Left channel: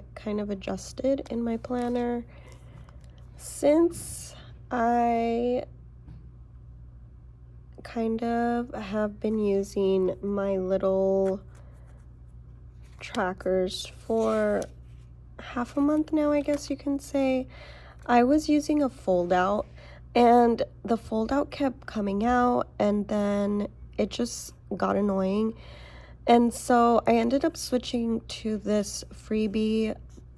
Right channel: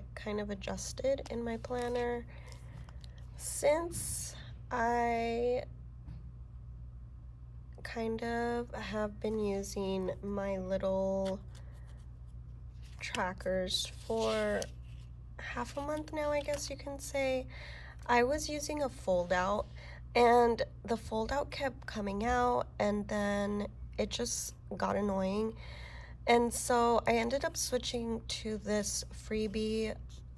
I kind of adjusted in my planner. Since I kind of have been using my little trackers for half a month now, I guess you can say, I was using a fold out, and the fold out kept coming out, and then it just got annoying. And so I ended up switching to this freebie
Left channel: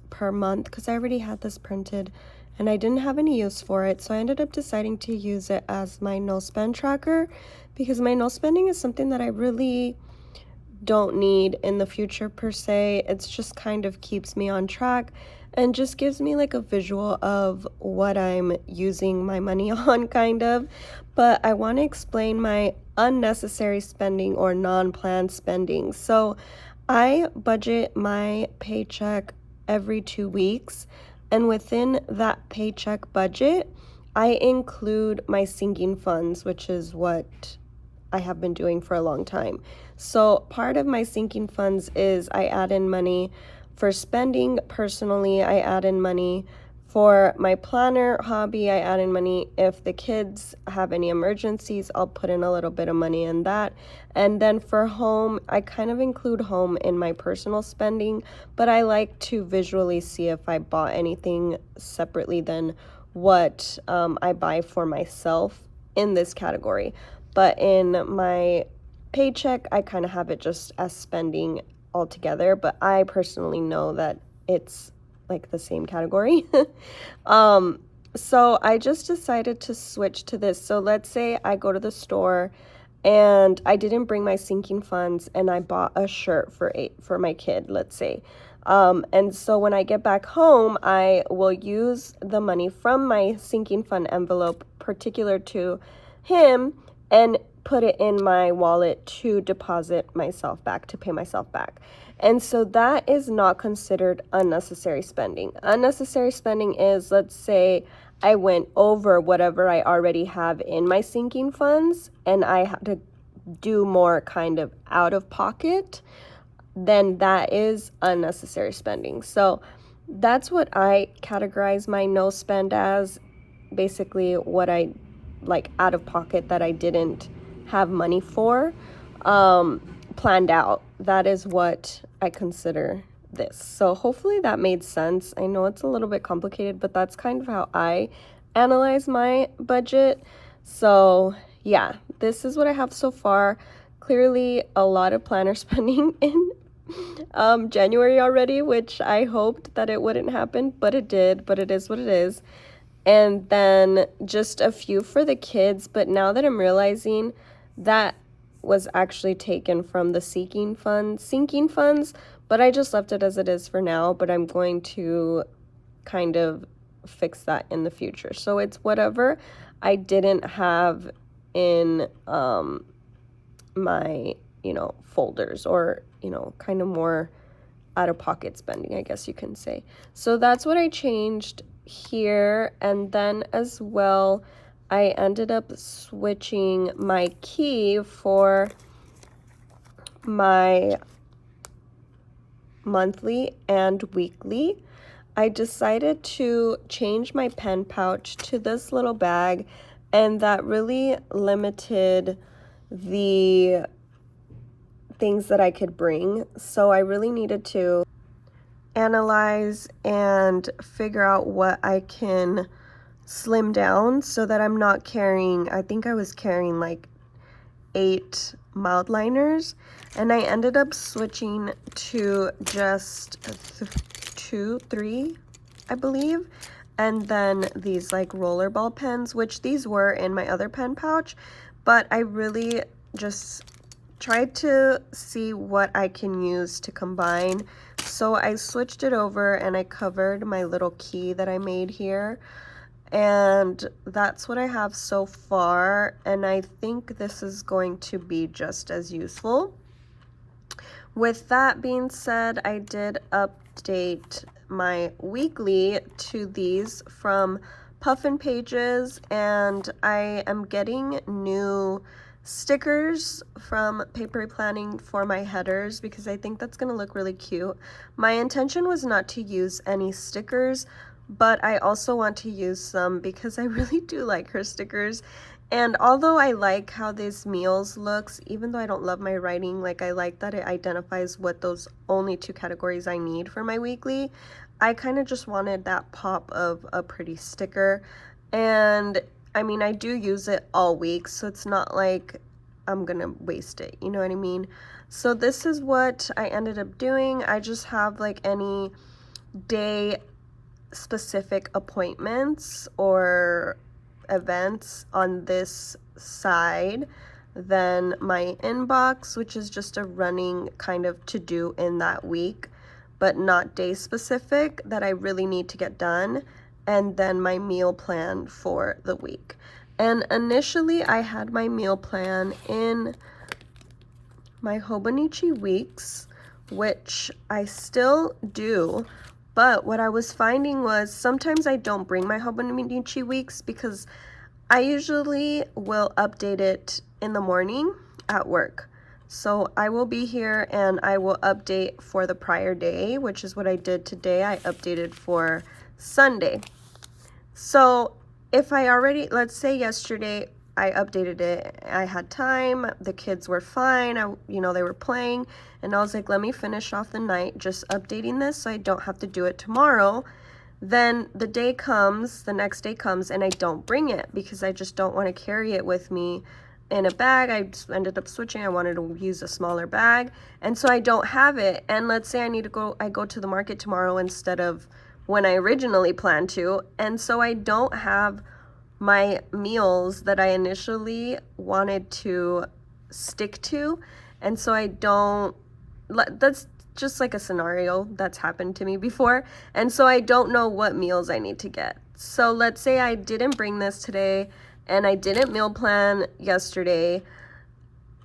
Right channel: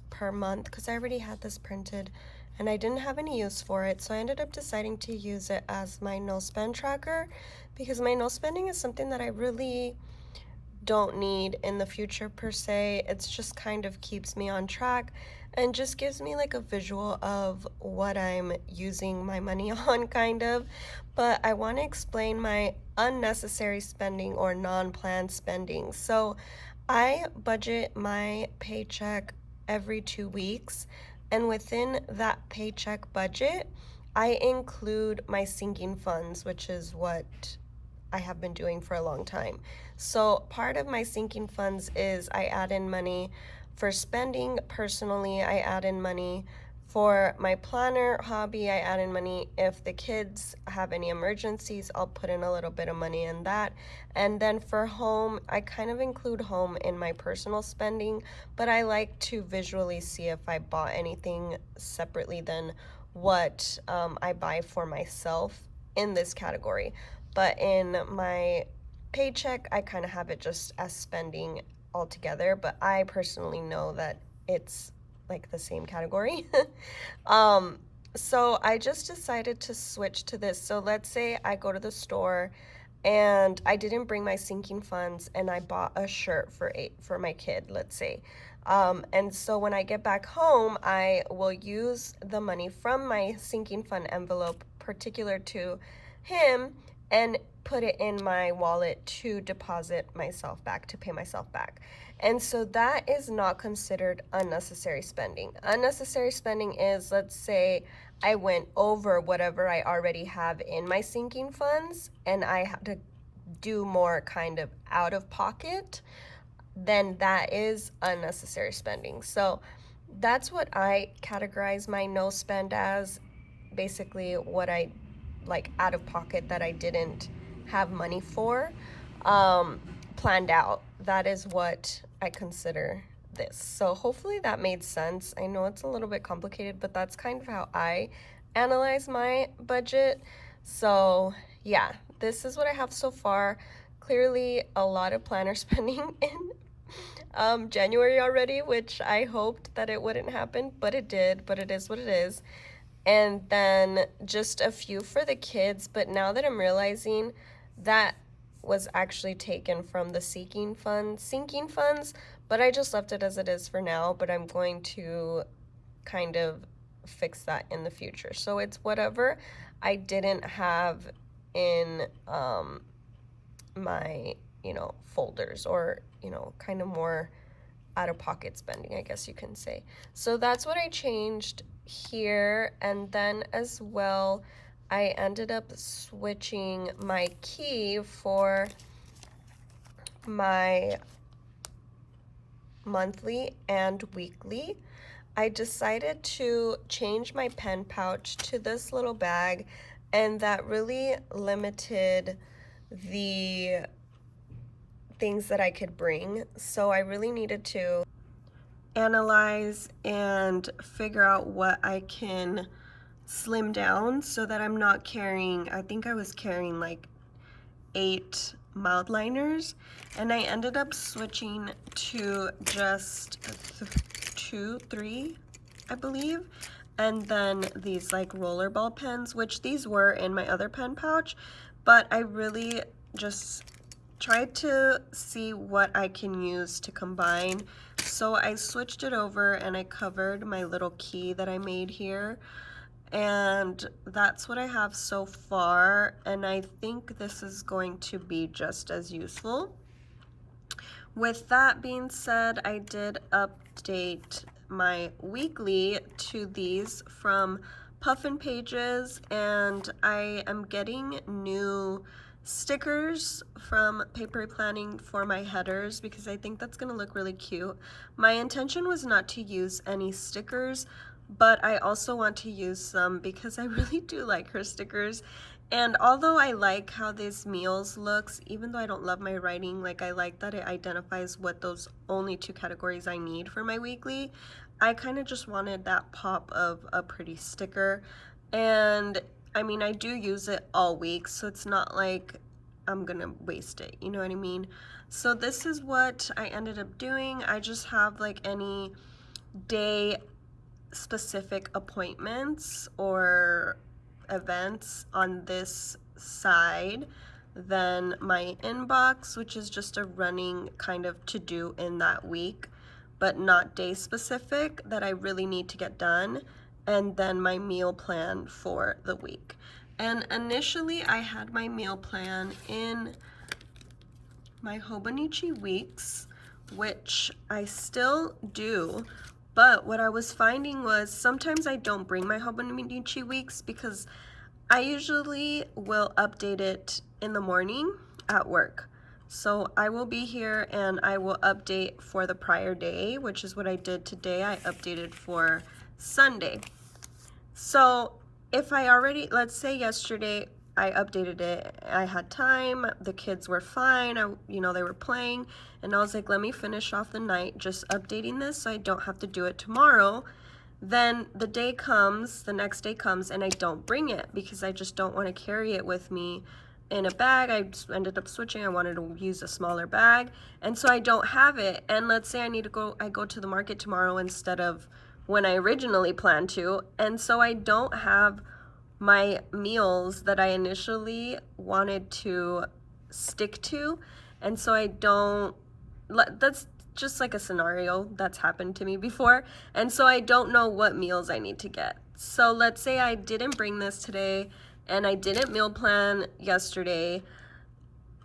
per month because I already had this printed and I didn't have any use for it. So I ended up deciding to use it as my no spend tracker, because my no spending is something that I really don't need in the future per se. It's just kind of keeps me on track and just gives me like a visual of what I'm using my money on, kind of. But I want to explain my unnecessary spending or non-planned spending. So I budget my paycheck every 2 weeks, and within that paycheck budget, I include my sinking funds, which is what I have been doing for a long time. So part of my sinking funds is I add in money for spending personally. I add in money for my planner hobby. I add in money if the kids have any emergencies. I'll put in a little bit of money in that. And then for home, I kind of include home in my personal spending, but I like to visually see if I bought anything separately than what I buy for myself in this category. But in my paycheck, I kind of have it just as spending altogether, but I personally know that it's like the same category. So I just decided to switch to this. So let's say I go to the store and I didn't bring my sinking funds and I bought a shirt for my kid, let's say. And so when I get back home, I will use the money from my sinking fund envelope particular to him and put it in my wallet to deposit myself back, to pay myself back. And so that is not considered unnecessary spending. Unnecessary spending is, let's say I went over whatever I already have in my sinking funds and I have to do more kind of out of pocket, then that is unnecessary spending. So that's what I categorize my no spend as, basically what I like out of pocket that I didn't have money for, planned out. That is what I consider this. So hopefully that made sense. I know it's a little bit complicated, but that's kind of how I analyze my budget. So yeah, this is what I have so far. Clearly a lot of planner spending in January already, which I hoped that it wouldn't happen, but it did. But it is what it is. And then just a few for the kids, but now that I'm realizing that was actually taken from the sinking funds, but I just left it as it is for now, but I'm going to kind of fix that in the future. So it's whatever I didn't have in my, folders, or, kind of more out of pocket spending, I guess you can say. So that's what I changed here. And then as well, I ended up switching my key for my monthly and weekly. I decided to change my pen pouch to this little bag, and that really limited the things that I could bring. So I really needed to analyze and figure out what I can slim down so that I'm not carrying, I think I was carrying like 8 mild liners, and I ended up switching to just 3, I believe, and then these like rollerball pens, which these were in my other pen pouch, but I really just tried to see what I can use to combine. So I switched it over and I covered my little key that I made here, and that's what I have so far, and I think this is going to be just as useful. With that being said, I did update my weekly to these from Puffin Pages, and I am getting new stickers from paper planning for my headers because I think that's gonna look really cute. My intention was not to use any stickers, but I also want to use some because I really do like her stickers. And although I like how this meals looks, even though I don't love my writing, like I like that it identifies what those only 2 categories I need for my weekly, I kind of just wanted that pop of a pretty sticker. And I mean, I do use it all week, so it's not like I'm gonna waste it, you know what I mean? So this is what I ended up doing. I just have like any day specific appointments or events on this side, then my inbox, which is just a running kind of to do in that week, but not day specific that I really need to get done, and then my meal plan for the week. And initially I had my meal plan in my Hobonichi weeks, which I still do, but what I was finding was sometimes I don't bring my Hobonichi weeks because I usually will update it in the morning at work. So I will be here and I will update for the prior day, which is what I did today. I updated for Sunday. So if I already, let's say yesterday I updated it, I had time, the kids were fine, you know, they were playing, and I was like, let me finish off the night just updating this so I don't have to do it tomorrow. Then the day comes, the next day comes, and I don't bring it because I just don't want to carry it with me in a bag. I just ended up switching. I wanted to use a smaller bag, and so I don't have it. And let's say I go to the market tomorrow instead of when I originally planned to, and so I don't have my meals that I initially wanted to stick to, and so I don't, that's just like a scenario that's happened to me before, and so I don't know what meals I need to get. So let's say I didn't bring this today and I didn't meal plan yesterday,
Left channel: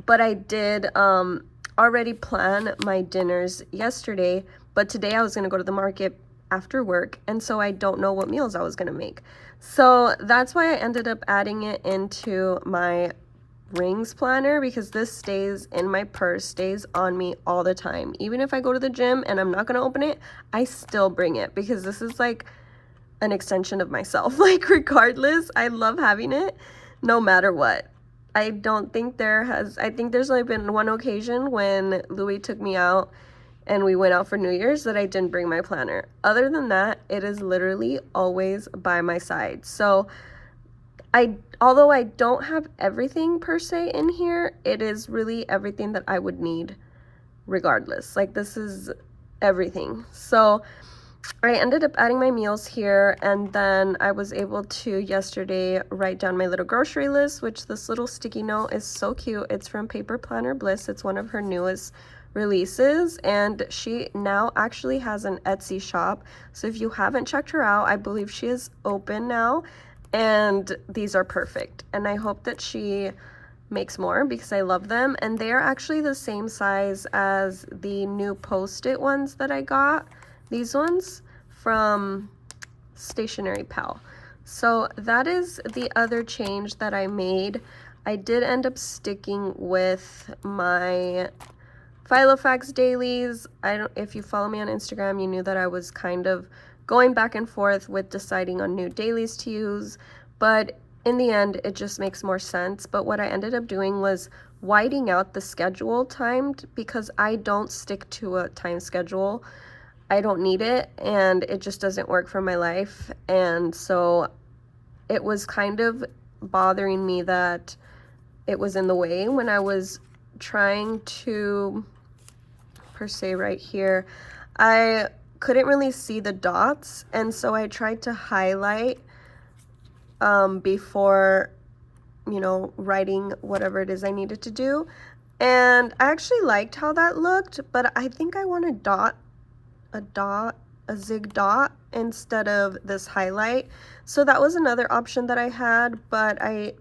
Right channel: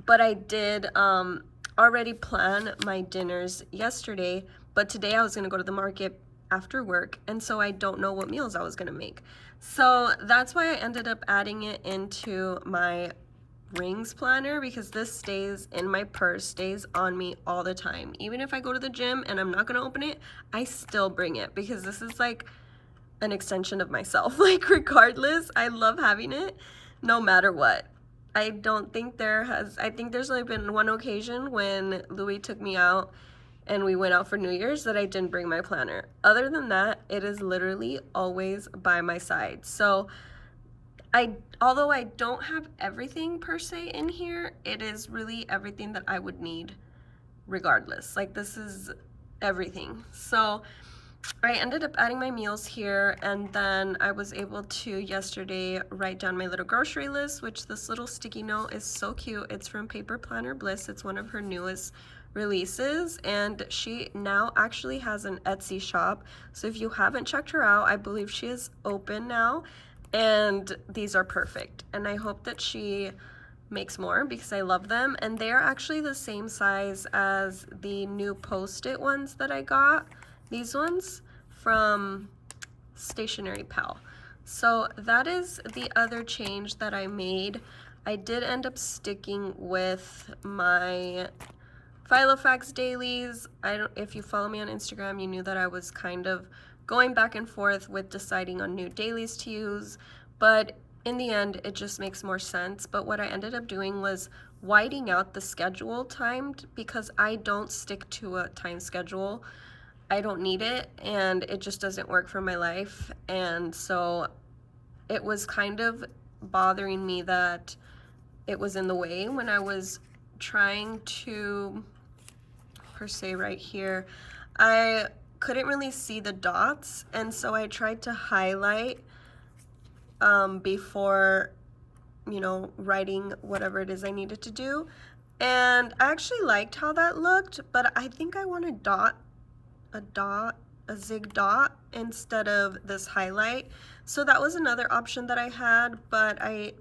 but I did already plan my dinners yesterday, but today I was gonna go to the market after work, and so I don't know what meals I was gonna make. So that's why I ended up adding it into my rings planner, because this stays in my purse, stays on me all the time. Even if I go to the gym and I'm not gonna open it, I still bring it because this is like an extension of myself. Like regardless, I love having it no matter what. I think there's only been one occasion when Louis took me out and we went out for New Year's that I didn't bring my planner. Other than that, it is literally always by my side. So although I don't have everything per se in here, it is really everything that I would need regardless. Like this is everything. So I ended up adding my meals here, and then I was able to yesterday write down my little grocery list, which this little sticky note is so cute. It's from Paper Planner Bliss. It's one of her newest releases, and she now actually has an Etsy shop. So if you haven't checked her out, I believe she is open now, and these are perfect. And I hope that she makes more because I love them, and they are actually the same size as the new Post-it ones that I got. These ones from Stationery Pal. So that is the other change that I made. I did end up sticking with my Filofax dailies. If you follow me on Instagram, you knew that I was kind of going back and forth with deciding on new dailies to use, but in the end it just makes more sense. But what I ended up doing was whiting out the schedule timed, because I don't stick to a time schedule. I don't need it, and it just doesn't work for my life. And so it was kind of bothering me that it was in the way when I was trying to, per se right here, I couldn't really see the dots, and so I tried to highlight before, you know, writing whatever it is I needed to do. And I actually liked how that looked, but I think I want a zig dot instead of this highlight. So that was another option that I had, but I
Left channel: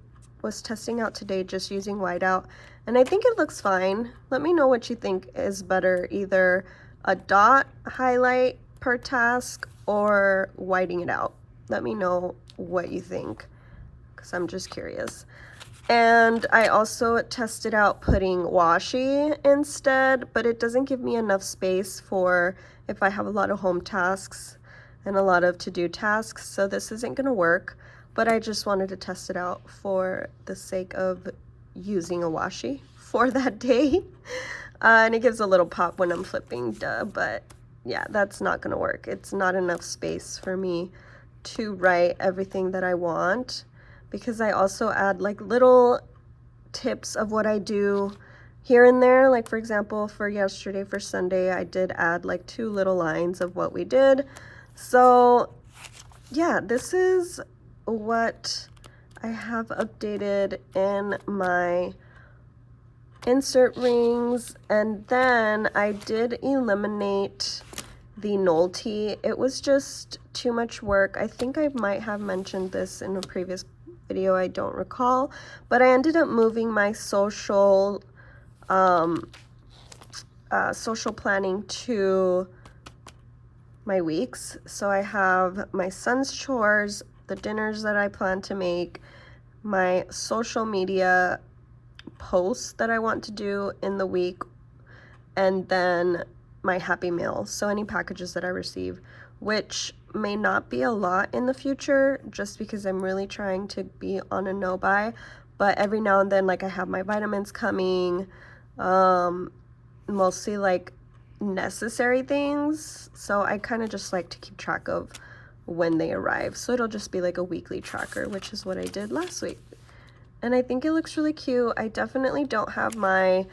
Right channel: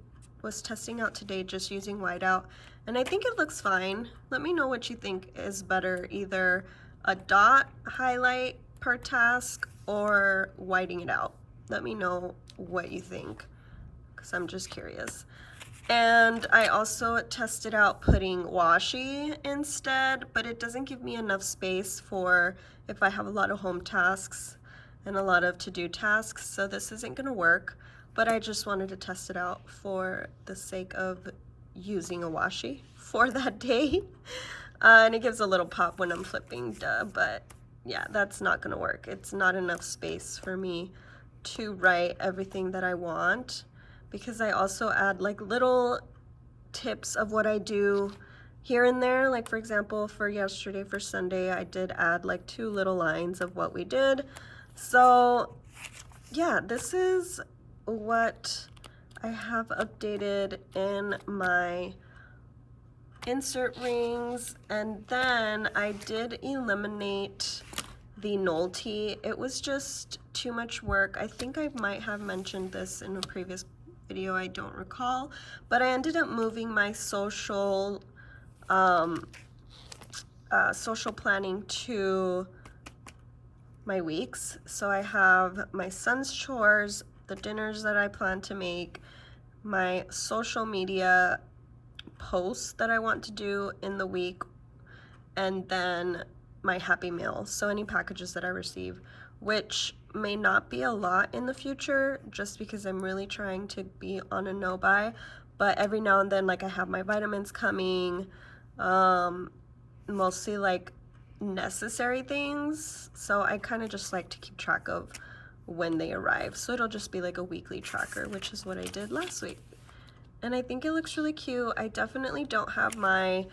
was testing out today just using whiteout, and I think it looks fine. Let me know what you think is better, either a dot highlight per task or whiting it out. Let me know what you think, because I'm just curious. And I also tested out putting washi instead, but it doesn't give me enough space for if I have a lot of home tasks and a lot of to-do tasks, so this isn't gonna work, but I just wanted to test it out for the sake of using a washi for that day. And it gives a little pop when I'm flipping, but yeah, that's not gonna work. It's not enough space for me to write everything that I want, because I also add like little tips of what I do here and there. Like for example, for yesterday, for Sunday, I did add like 2 little lines of what we did. So yeah, this is what I have updated in my insert rings. And then I did eliminate the Nolte. It was just too much work. I think I might have mentioned this in a previous video, I don't recall, but I ended up moving my social planning to my weeks. So I have my son's chores, the dinners that I plan to make, my social media posts that I want to do in the week, and then my happy meal, so any packages that I receive, which may not be a lot in the future just because I'm really trying to be on a no buy, but every now and then, like I have my vitamins coming, mostly like necessary things, so I kind of just like to keep track of when they arrive, so it'll just be like a weekly tracker, which is what I did last week. And I think it looks really cute. I definitely don't have my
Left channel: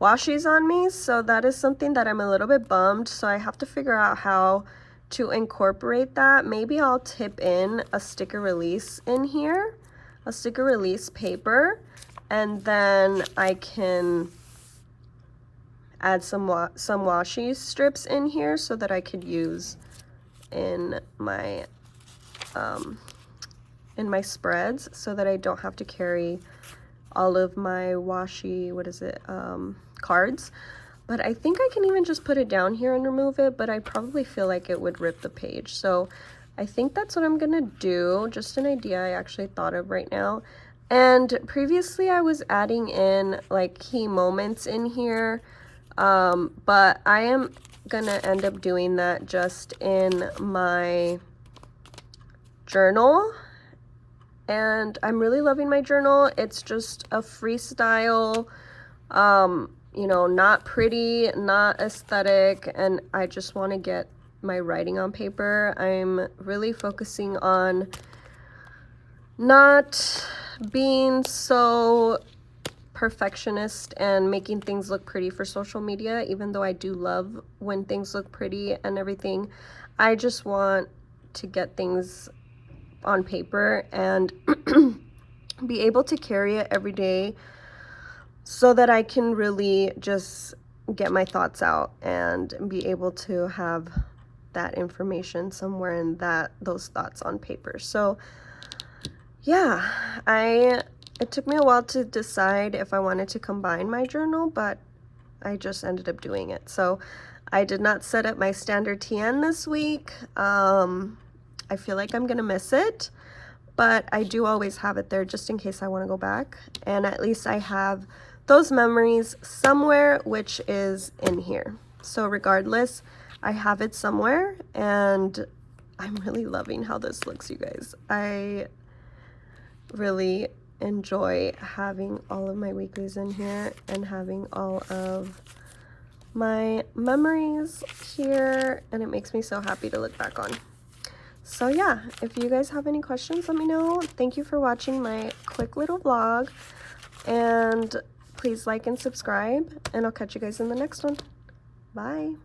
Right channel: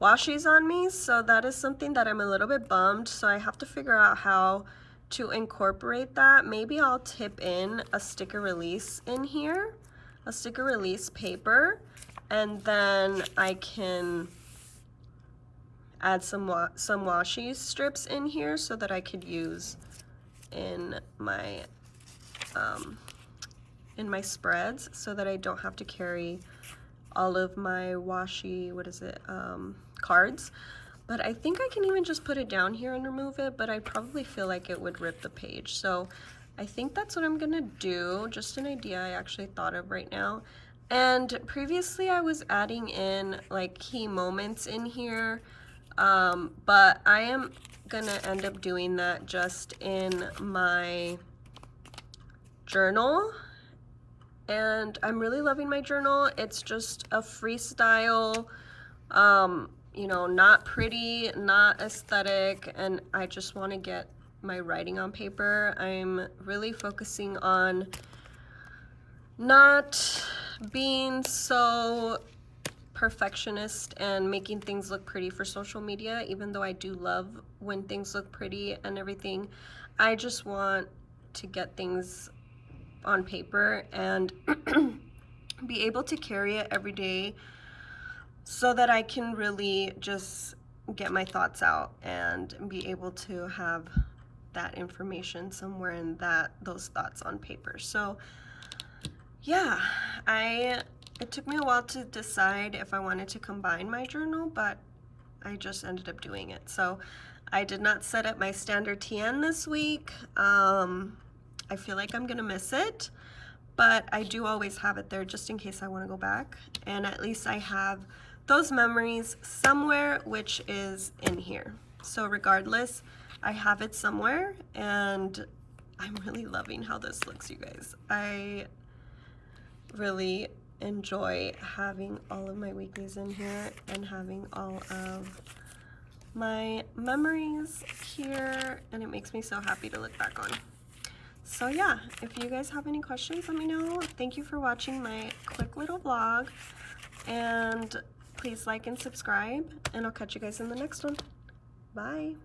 washies on me, so that is something that I'm a little bit bummed, so I have to figure out how to incorporate that. Maybe I'll tip in a sticker release in here, a sticker release paper, and then I can add some washi strips in here so that I could use in my spreads, so that I don't have to carry all of my washi, cards. But I think I can even just put it down here and remove it, but I probably feel like it would rip the page. So I think that's what I'm gonna do. Just an idea I actually thought of right now. And previously I was adding in like key moments in here, but I am gonna end up doing that just in my journal. And I'm really loving my journal. It's just a freestyle, you know, not pretty, not aesthetic, and I just want to get my writing on paper. I'm really focusing on not being so perfectionist and making things look pretty for social media, even though I do love when things look pretty and everything. I just want to get things on paper and be able to carry it every day so that I can really just get my thoughts out and be able to have that information somewhere and those thoughts on paper. So yeah, it took me a while to decide if I wanted to combine my journal, but I just ended up doing it. So I did not set up my standard TN this week. I feel like I'm gonna miss it, but I do always have it there just in case I want to go back, and at least I have those memories somewhere, which is in here. So regardless, I have it somewhere, and I'm really loving how this looks, you guys. I really enjoy having all of my weeklies in here and having all of my memories here, and it makes me so happy to look back on. So yeah, if you guys have any questions, let me know. Thank you for watching my quick little vlog, and please like and subscribe, and I'll catch you guys in the next one. Bye.